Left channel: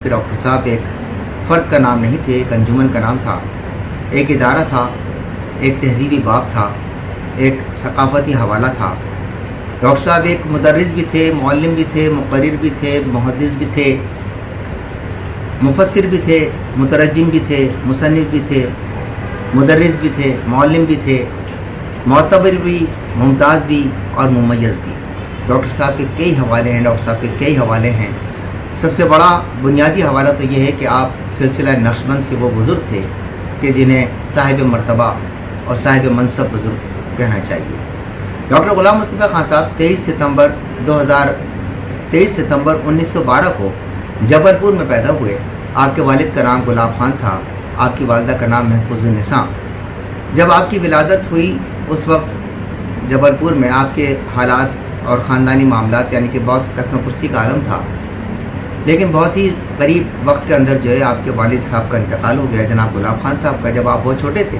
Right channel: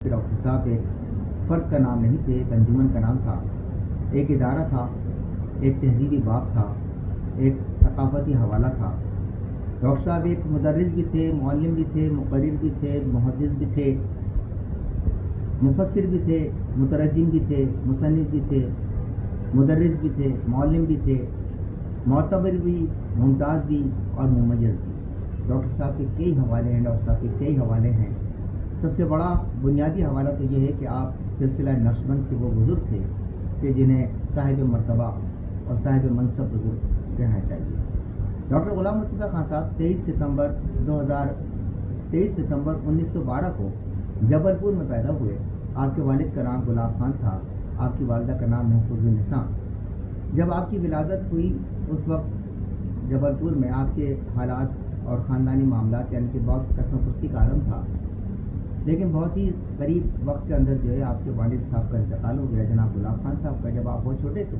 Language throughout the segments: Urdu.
کہ ڈاکٹر صاحب ایک فرد کا نام نہیں تھے، ایک انجمن کا نام تھا، ایک ادارہ تھا، ایک تہذیبی باب تھا، ایک ثقافتی حوالہ تھا۔ ڈاکٹر صاحب ایک مدرس بھی تھے، معلم بھی تھے، مقرر بھی تھے، محدث بھی تھے، مفسر بھی تھے، مترجم بھی تھے، مصنف بھی تھے، مدرس بھی تھے، معلم بھی تھے، معتبر بھی، ممتاز بھی اور ممیز بھی۔ ڈاکٹر صاحب کے کئی حوالے ہیں۔ سب سے بڑا بنیادی حوالہ تو یہ ہے کہ آپ سلسلہ نقشبند کے وہ بزرگ تھے کہ جنہیں صاحب مرتبہ اور صاحب منصب بزرگ کہنا چاہیے۔ ڈاکٹر غلام مصطفیٰ خان صاحب 23 ستمبر 1912 کو جبل پور میں پیدا ہوئے۔ آپ کے والد کا نام گلاب خان تھا، آپ کی والدہ کا نام محفوظ النساء۔ جب آپ کی ولادت ہوئی اس وقت جبل پور میں آپ کے حالات اور خاندانی معاملات یعنی کہ بہت قسم پرسی کا عالم تھا، لیکن بہت ہی قریب وقت کے اندر جو ہے آپ کے والد صاحب کا انتقال ہو گیا، جناب گلاب خان صاحب کا۔ جب آپ بہت چھوٹے تھے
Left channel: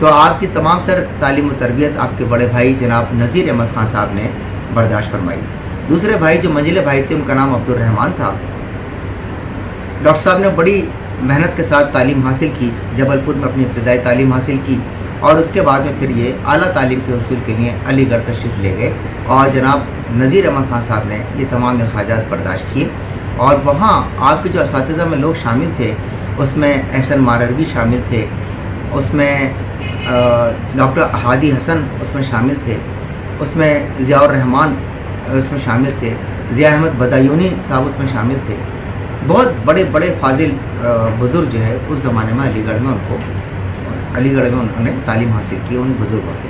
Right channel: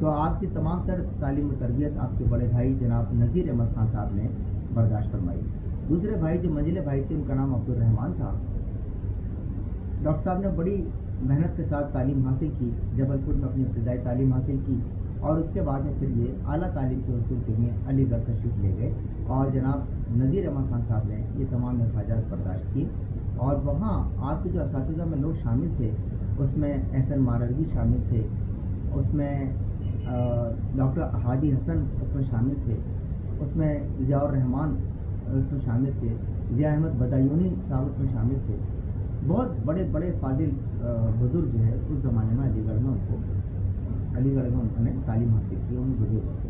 تو آپ کی تمام تر تعلیم و تربیت آپ کے بڑے بھائی جناب نذیر احمد خان صاحب نے برداشت فرمائی۔ دوسرے بھائی جو منجلے بھائی تھے ان کا نام عبد الرحمان تھا۔ ڈاکٹر صاحب نے بڑی محنت کے ساتھ تعلیم حاصل کی، جبل پور میں اپنی ابتدائی تعلیم حاصل کی اور اس کے بعد میں پھر یہ اعلیٰ تعلیم کے حصول کے لیے علی گڑھ تشریف لے گئے اور جناب نذیر احمد خان صاحب نے یہ تمام اخراجات برداشت کیے۔ اور وہاں آپ کے جو اساتذہ میں لوگ شامل تھے اس میں احسن ماروی شامل تھے، اس میں ڈاکٹر ہادی حسن اس میں شامل تھے، اس میں ضیاء الرحمان اس میں شامل تھے، ضیاء احمد بدایونی صاحب اس میں شامل تھے۔ بہت بڑے بڑے فاضل بزرگ جو ہے اس زمانے میں علی گڑھ میں انہوں نے تعلیم حاصل کی ان بزرگوں سے۔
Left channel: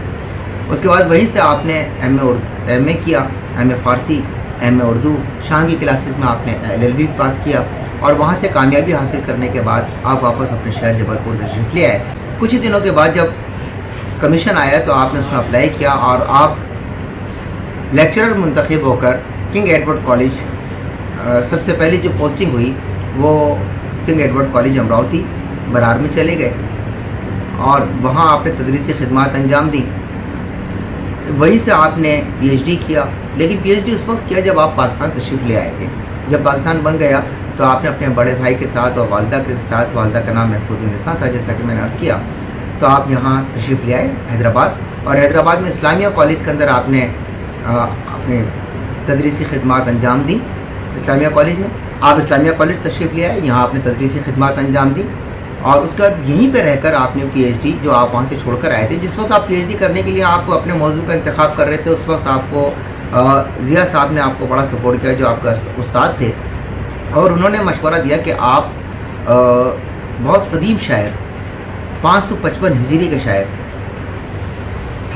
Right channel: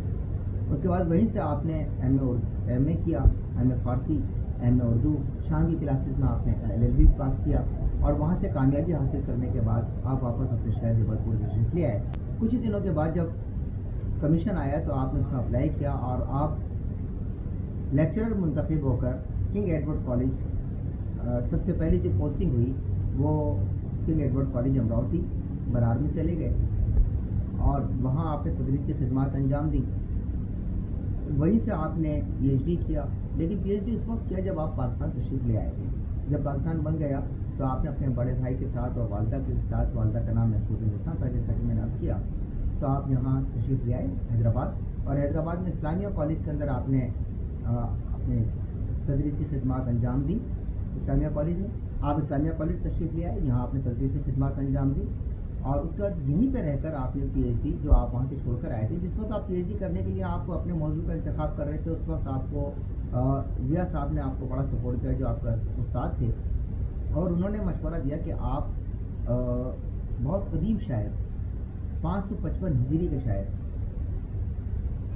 اس کے بعد وہیں سے آپ نے ایم اے کیا، ایم اے فارسی، ایم اے اردو، شام کی کلاسز میں آپ نے LLB پاس کیا اور وہاں سے کامیابی حاصل کرنے کے بعد آپ واپس اپنے شہر جبل پور تشریف لے آئے۔ کچھ ہی دنوں کے بعد جب کمیشن آیا تو آپ نے اس میں اپلائی کیا اور آپ لیکچرر منتخب ہو کر کنگ ایڈورڈ کالج، سب سے پہلی جو پوسٹنگ ہوئی وہ king Edward college Amravati Brar میں چلے گئے اور وہاں آپ نے تدریسی خدمات انجام دی۔ وہیں سے آپ نے PhD کیا، لیکن PhD اس وقت کیا جب آپ پاکستان تشریف لے آئے تھے۔ جب پاکستان بن گیا تو آپ نے اپنے بڑے بھائی کے ساتھ اور والدہ کے ساتھ، والدہ کا نام محفوظ النساء تھا جیسا کہ میں نے عرض کیا، تو آپ یہاں تشریف لے آئے حیدرآباد اور حیدرآباد میں اسلامیہ کالج کے اندر آپ نے اپنے تدریسی خدمات انجام دی۔ اسلامیہ کالج میں آپ اسلامیہ کالج تشریف لے آئے، یہاں آپ نے تدریسی خدمات انجام دی اور اس کے بعد یہیں پہ رہ کر آپ نے PhD جو آپ وہاں سے چھوڑ کر آئے تھے، جس وقت آپ PhD کرنے کے لیے آپ اپنے موضوع کا انتخاب کر رہے تھے اس وقت آپ کو ضیاء صاحب نے آپ کو بڑا سپورٹ کیا جو آپ کا استاد تھے، اور انہوں نے مشورہ دیا کہ آپ بہت قدیم شاعر 555 ہجری کے شاعر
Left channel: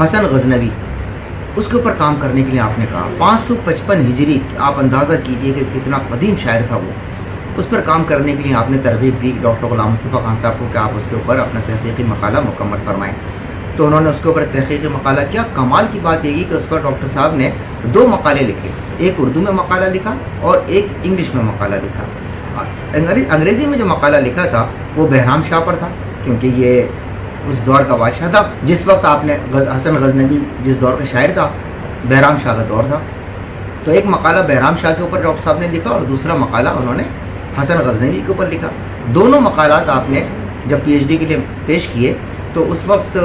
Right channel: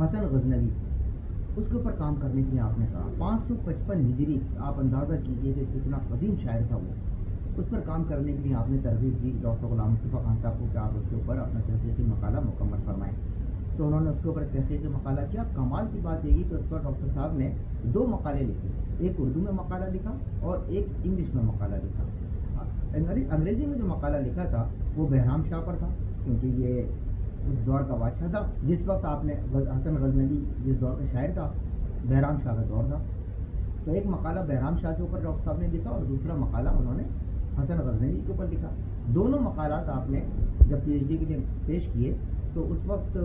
حسن غزنوی اس کے اوپر کام کرنے کے لیے آپ نے کہا۔ 555 ہجری، آپ اندازہ کیجئے کہ کتنا قدیم شاعر تھا وہ، اس پر کام کرنے کے لیے آپ نے ترغیب دی ڈاکٹر غلام مصطفیٰ خان صاحب کو کہ آپ اس کے اوپر اپنا تحقیقی مقالہ مکمل فرمائیں۔ تو انہوں نے اس کے اوپر تحقیقی مقالہ کیا۔ کمال کی بات یہ کہ اس پر ڈاکٹر صاحب نے 2 مقالے لکھے، ایک اردو میں مقالہ لکھا اور ایک انگلش میں مقالہ لکھا۔ انگریزی میں جو مقالہ لکھا تھا وہ بہرام شاہ پر تھا، کیونکہ یہ اس دور کا بادشاہ تھا جس وقت آپ نے حسن غزنوی جس دور کا شاعر تھا، بہرام شاہ کا دور تھا۔ تو ایک مقالہ بہرام شاہ کے اوپر ڈاکٹر صاحب نے لکھا اور دوسرا مقالہ انہوں نے حسن غزنوی کے اوپر لکھا۔ دونوں مقالات آپ نے جب PhD کے لیے پیش کیے تو اس وقت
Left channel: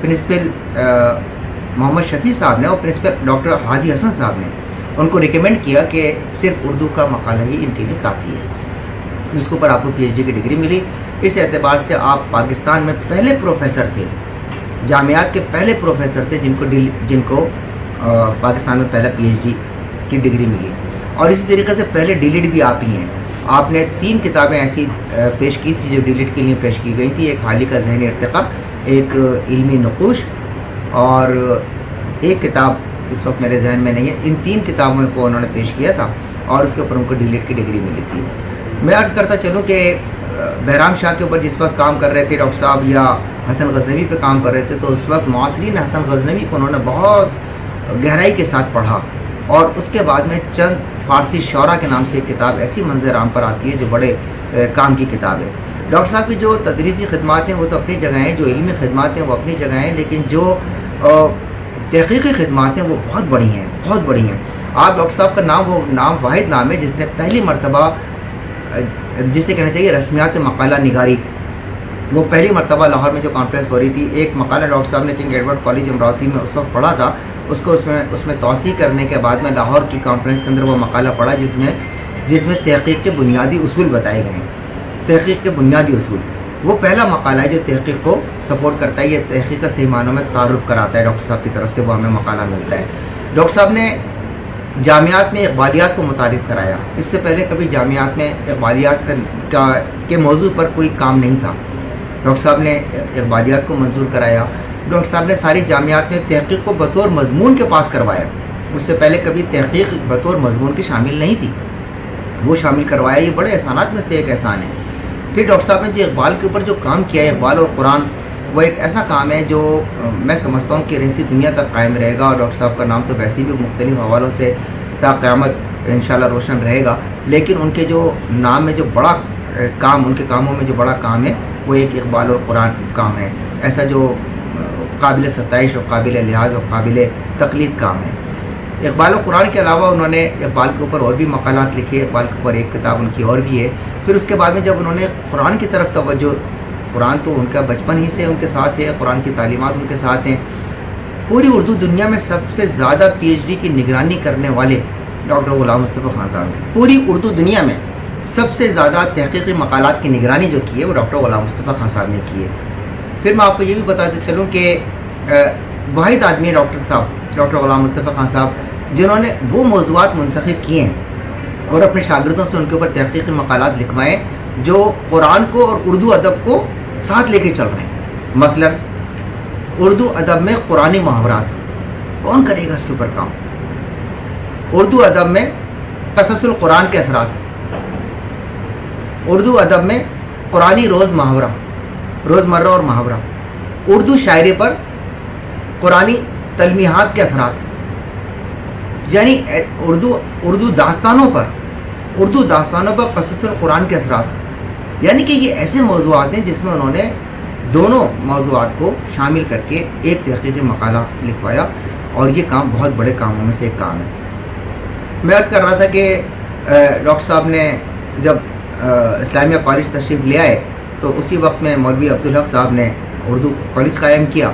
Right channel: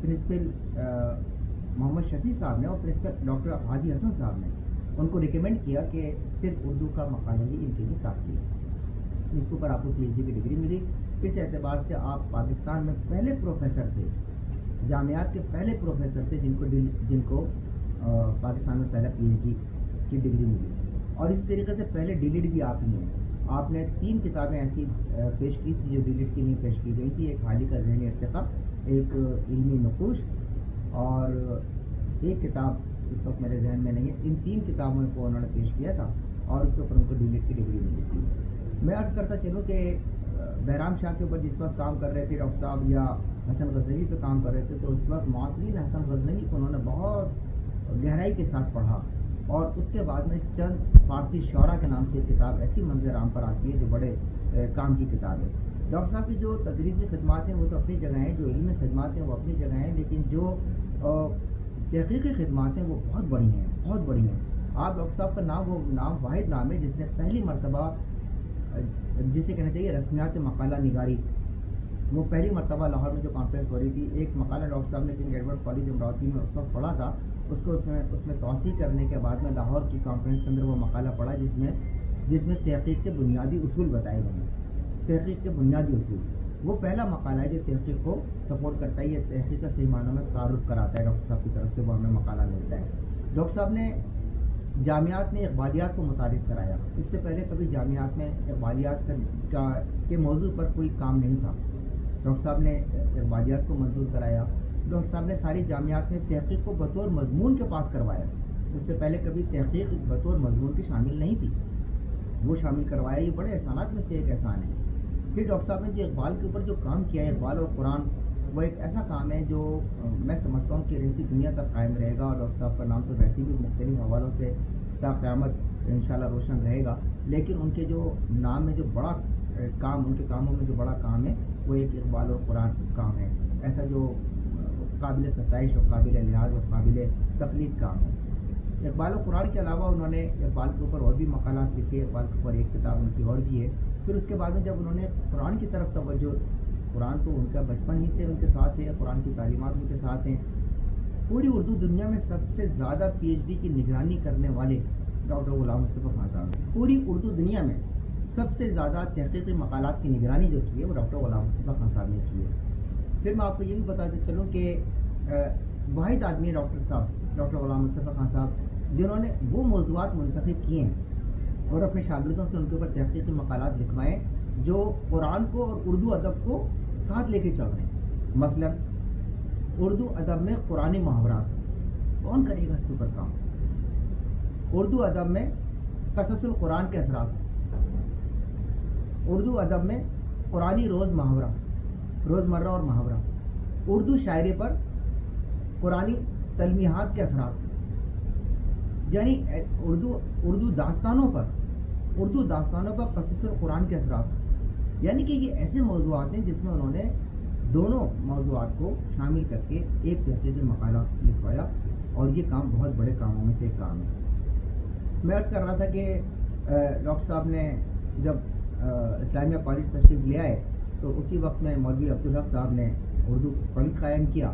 پرنسپل محمد شفیع صاحب نے اور پرنسپل ڈاکٹر ہادی حسن صاحب نے ان کو ریکمینڈ کیا کہ صرف اردو کا مقالہ ہی ان کے لیے کافی ہے، اس کے اوپر آپ کو PhD کی ڈگری ملی۔ اس اعتبار سے آپ پاکستان میں پہلے پروفیسر تھے، جامعات کے پہلے پروفیسر تھے جن کو پاکستان میں پہلا PhD کی ڈگری ملی، اور اسی طریقے سے پہلے DLED بھی آپ ہی ہیں۔ آپ نے 3 کتابیں ایسی پیش کی تھی جو DLED کے لیے پیش کی گئی تھی، ایک حالی کا ذہنی ارتقاء، ایک علمی نقوش اور ایک کتاب اس وقت میرے ذہن میں نہیں ہے۔ ان 3 کتابوں کو انہوں نے پیش کیا تھا اور اس کے اوپر ان کو DLED کی ڈگری ملی تھی۔ میں عرض کرتا چلوں کہ بہرام شاہ کے اوپر جس وقت کام کر رہے تھے ڈاکٹر صاحب یا حسن غزنوی پہ کام کر رہے تھے تو اس وقت معاصرین حسن غزنوی کو انہوں نے بہت گہرائی کے ساتھ پڑھا، اور اس کے بعد میں چند فارسی شعراء کے نام سے ایک کتاب ایسی منظر عام پر آتی ہے جو بڑے کام کی کتاب ہے۔ ڈاکٹر صاحب کی جو تدریسی خدمات ہیں وہ تو اپنی جگہ ہیں، جو علمی خدمات ہیں وہ اپنی جگہ ہیں، لیکن جو تحقیقی خدمات ہیں وہ بہت بڑی ہیں۔ آپ ڈاکٹر صاحب کا نام وہ نام واحد نام ہے جس نے پہلی مرتبہ جسے کہنا چاہیے رسمیات مقالہ نگاری، وہ پہلی مرتبہ لاہور میں جو کانفرنس ہو رہی تھی، ایک مقالہ ڈاکٹر صاحب نے کنگ ایڈورڈ کالج امراوتی میں اس وقت پڑھا تھا، اس کو اس میں توسیع کرنے کے بعد میں لاہور کی کانفرنس کے اندر وہ مقالہ پڑھا جس میں تحقیق کے بنیادی اصول بتائے گئے ہیں، تحقیق کے بنیادی اصول۔ وہ پہلا مقالہ ہے جو تحقیق کو سپورٹ کرتا ہے، یہ تحقیق کا صحیح معنوں میں تعارف کراتا ہے ڈاکٹر صاحب کی طرف سے، وہ ہمیں مقالہ ملتا ہے۔ ڈاکٹر صاحب نے جامعات میں اقبالیات کو متعارف کرایا، اس سے پہلے کبھی جامعات میں اقبالیات کے موضوع پر کوئی کام نہیں تھا، ڈاکٹر صاحب نے اقبالیات کو منظور کرایا۔ ڈاکٹر صاحب نے ساری جامعات میں تحقیق کو بطور مضمون کے پاس کروایا، اس سے پہلے کبھی تحقیق بطور مضمون کی شامل نہیں تھی، وہ شامل کروایا، یہ بڑے احسانات میں سے ایک احسان ہے۔ پھر ڈاکٹر صاحب نے جو اقبال کے اوپر جو کام کیا ہے، اقبال اور قرآن، وہ ایک ایسا کام ہے جو میں سمجھتا ہوں کہ رہتی دنیا تک قائم رہے گا، اور ڈاکٹر صاحب کا نام تو ویسے بھی مختلف حوالوں سے تا قیامت انشاءاللہ روشن رہے گا، لیکن ان کے جو نام میں جو بڑا کام، ان کے کاموں میں جو بڑا کام ہے وہ ایک اقبال اور قرآن کام ہے، ایسا جو قابل ستائش اور قابل لحاظ اور قابل تقلید کام ہے۔ اقبال و قرآن کے علاوہ انہوں نے اقبال کے اوپر اور بھی مقالات لکھے، اقبال کے اوپر ایک کتاب ان کی اور بھی ہے۔ پھر اس کے بعد میں جب انہوں نے قرآن کی طرف توجہ، قرآن تو ان کا بچپن ہی سے ان کے ساتھ ہے، قرآن کی تعلیمات ان کے ساتھ ہیں، پوری اردو دنیا میں سب سے زیادہ پی ایچ ڈی کی نگرانی کرنے والے ڈاکٹر غلام مصطفیٰ خان صاحب ہیں، پوری اردو دنیا میں سب سے زیادہ تحقیقی مقالات کی نگرانی جو کی ہے وہ ڈاکٹر غلام مصطفیٰ خان صاحب نے کی ہے۔ پھر میں آپ کو یہ بھی بتاتے چلوں کہ واحد آدمی ڈاکٹر غلام مصطفیٰ خان صاحب جنہوں نے وہ موضوعات منتخب کیے ہیں اور اپنے شاگردوں سے ان کے اوپر تحقیقی مقالات لکھوائے جو قرآن کو اور اردو ادب کو ساتھ لے کے چل رہے ہیں۔ مثلا اردو ادب میں قرآنی محاورات، کون کرے گا اس کے اوپر کام؟ اردو ادب میں قصص القرآن کے اثرات، اردو ادب میں قرآنی روزمرہ اور محاورہ، اردو شاعری پر قرآنی تلمیحات کے اثرات، یعنی اردو داستانوں پر قصص القرآن کے اثرات، یعنی کہ یہ ایسے موضوعات ہیں جس میں انہوں نے دونوں موضوعات کو شامل کر کے ایک تحقیقی مقالہ لکھوایا، اور یہ کام بہت بڑے کاموں میں سے ایک کام ہے۔ میں عرض کر رہا تھا کہ ڈاکٹر صاحب نے جب اسلامیہ کالج تشریف لے آئے تو اسی وقت میں مولوی عبدالحق صاحب نے اردو کالج قائم کیا،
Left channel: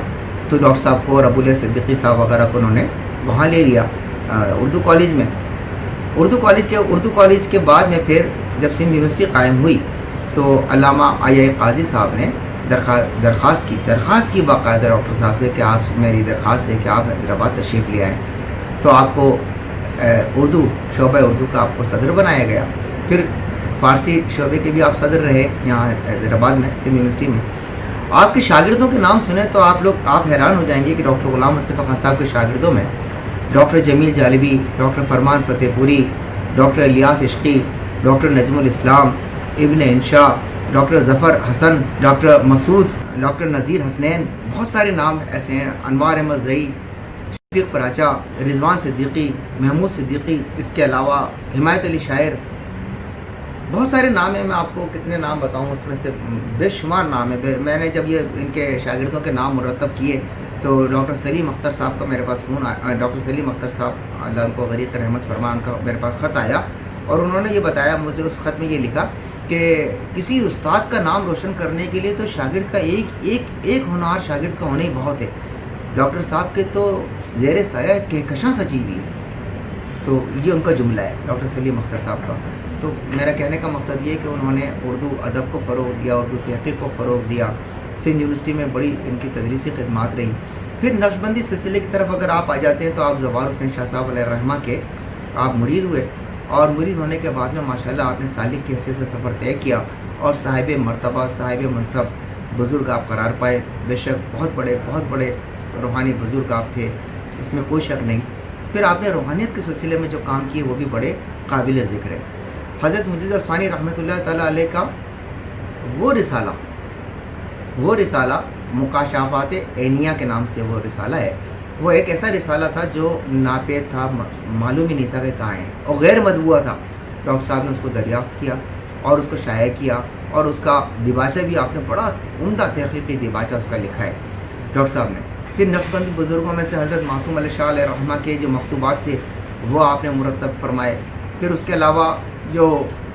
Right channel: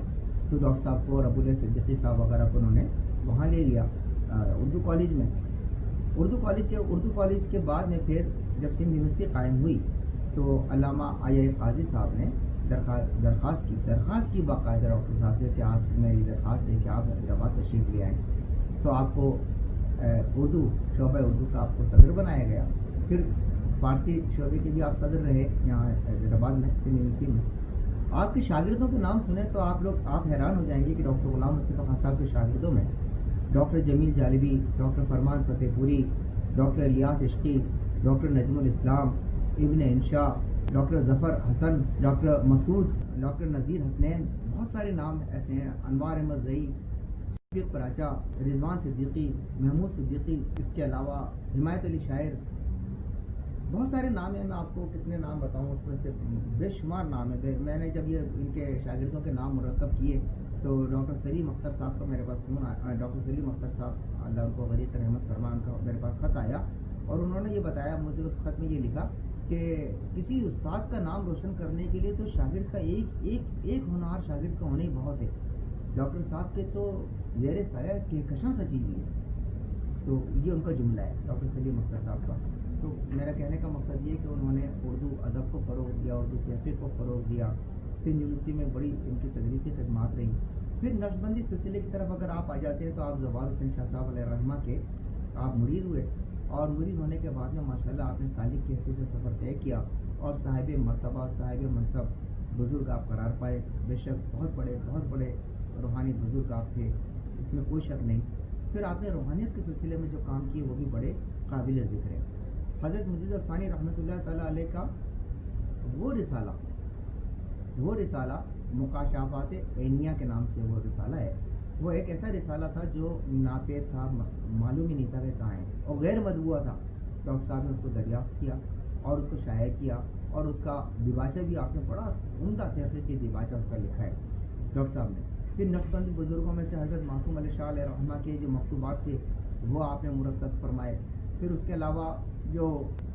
تو ڈاکٹر صاحب کو اور ابو الیاس صدیقی صاحب وغیرہ کو انہوں نے وہاں لے لیا اردو کالج میں۔ اردو کالج کے بعد میں پھر جب سندھ یونیورسٹی قائم ہوئی تو علامہ آئی قاضی صاحب نے درخواست کی باقاعدہ ڈاکٹر صاحب سے کہ آپ، میری درخواست ہے کہ آپ حیدرآباد تشریف لے آئیں، تو آپ کو شعبہ اردو کا آپ کو صدر بنایا گیا، پھر فارسی شعبے کے بھی آپ صدر رہے یہاں حیدرآباد میں سندھ یونیورسٹی میں۔ آپ کے شاگردوں کے نام سنیں تو آپ حیران ہو جائیں گے کہ ڈاکٹر غلام مصطفیٰ خان صاحب کے شاگردوں میں ڈاکٹر جمیل جالبی، ڈاکٹر فرمان فتح پوری، ڈاکٹر الیاس عشقی، ڈاکٹر نجم الاسلام، ابن انشا، ڈاکٹر ظفر حسن، ڈاکٹر مسعود، ڈاکٹر نذیر حسنین، بہت سارے نام ایسے ہیں، انوار احمد زئی، شفیق پراچا، رضوان صدیقی، محمود صدیقی، اس کے علاوہ حمایت علی شاعر، بہت سارے نام ہیں، میں آپ کو کتنے نام بتاؤں، اس میں سے بے شمار نام ہے۔ میں نے جب یہ ان کے شاگردوں کے نام مرتب کیے تو ڈاکٹر سلیم اختر صاحب کا میرے پاس فون آیا، ڈاکٹر سلیم اختر صاحب اللہ ان کو غریق رحمت فرمان کا میرے پاس خط آیا، اور انہوں نے یہ بتایا مجھے، اس خط میں یہ لکھا کہ کسی استاد کا نام روشن کرنے کے لیے تو شاگرد کا ایک ہونہار شاگرد کا ہونا ہی بہت ہے، ڈاکٹر صاحب کے تو زیر سایہ کہکشاں سجی ہوئی ہے۔ تو یہ ان کا جملہ ہے ڈاکٹر سلیم اختر صاحب کا۔ تو میرا کہنے کا مقصد یہ ہے کہ انہوں نے اردو ادب کو فروغ دیا، اردو تحقیق کو فروغ دیا، سندھ یونیورسٹی میں بڑی ان کی تدریسی خدمات رہی۔ پھر نقشبندی سلسلے کی طرف اگر آپ آ جاتے ہیں تو آپ زوار حسین شاہ صاحب علیہ الرحمہ کے آپ مرید ہوئے، اور مرید ہونے کے بعد میں ماشاءاللہ آپ نے سالک کی حیثیت سے سفر طے کیا، اور صاحب مرتبہ، صاحب منصب بزرگ آپ قرار پائے۔ بے شک بہت بڑے روحانی بزرگ آپ تھے، اس میں کوئی شک نہیں۔ پھر آپ نے روحانیت کے سلسلے میں جو کام کیے وہ بھی بڑے قابل ذکر ہے۔ حضرت مجید الفانی رحمۃ اللہ تعالیٰ علیہ کا وہ رسالہ مکاشفات عینیہ کے نام سے وہ رسالہ ہے، وہ ایک ایسا رسالہ تھا جو ناپید تھا، معلوم ہی نہیں تھا کہ کہاں ہے، اور غیر مطبوعہ تھا۔ ڈاکٹر صاحب نے اس کو دریافت کیا اور اس کو شائع کیا، اور اس کا دیباچہ بھی آپ نے بڑا عمدہ تحقیقی دیباچہ اس کا لکھا ہے ڈاکٹر صاحب نے۔ پھر نقشبندی بزرگوں میں سے حضرت معصوم علی شاہ علیہ رحمہ کے جو مکتوبات تھے وہ آپ نے مرتب فرمائے۔ پھر اس کے علاوہ جو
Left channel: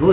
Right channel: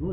2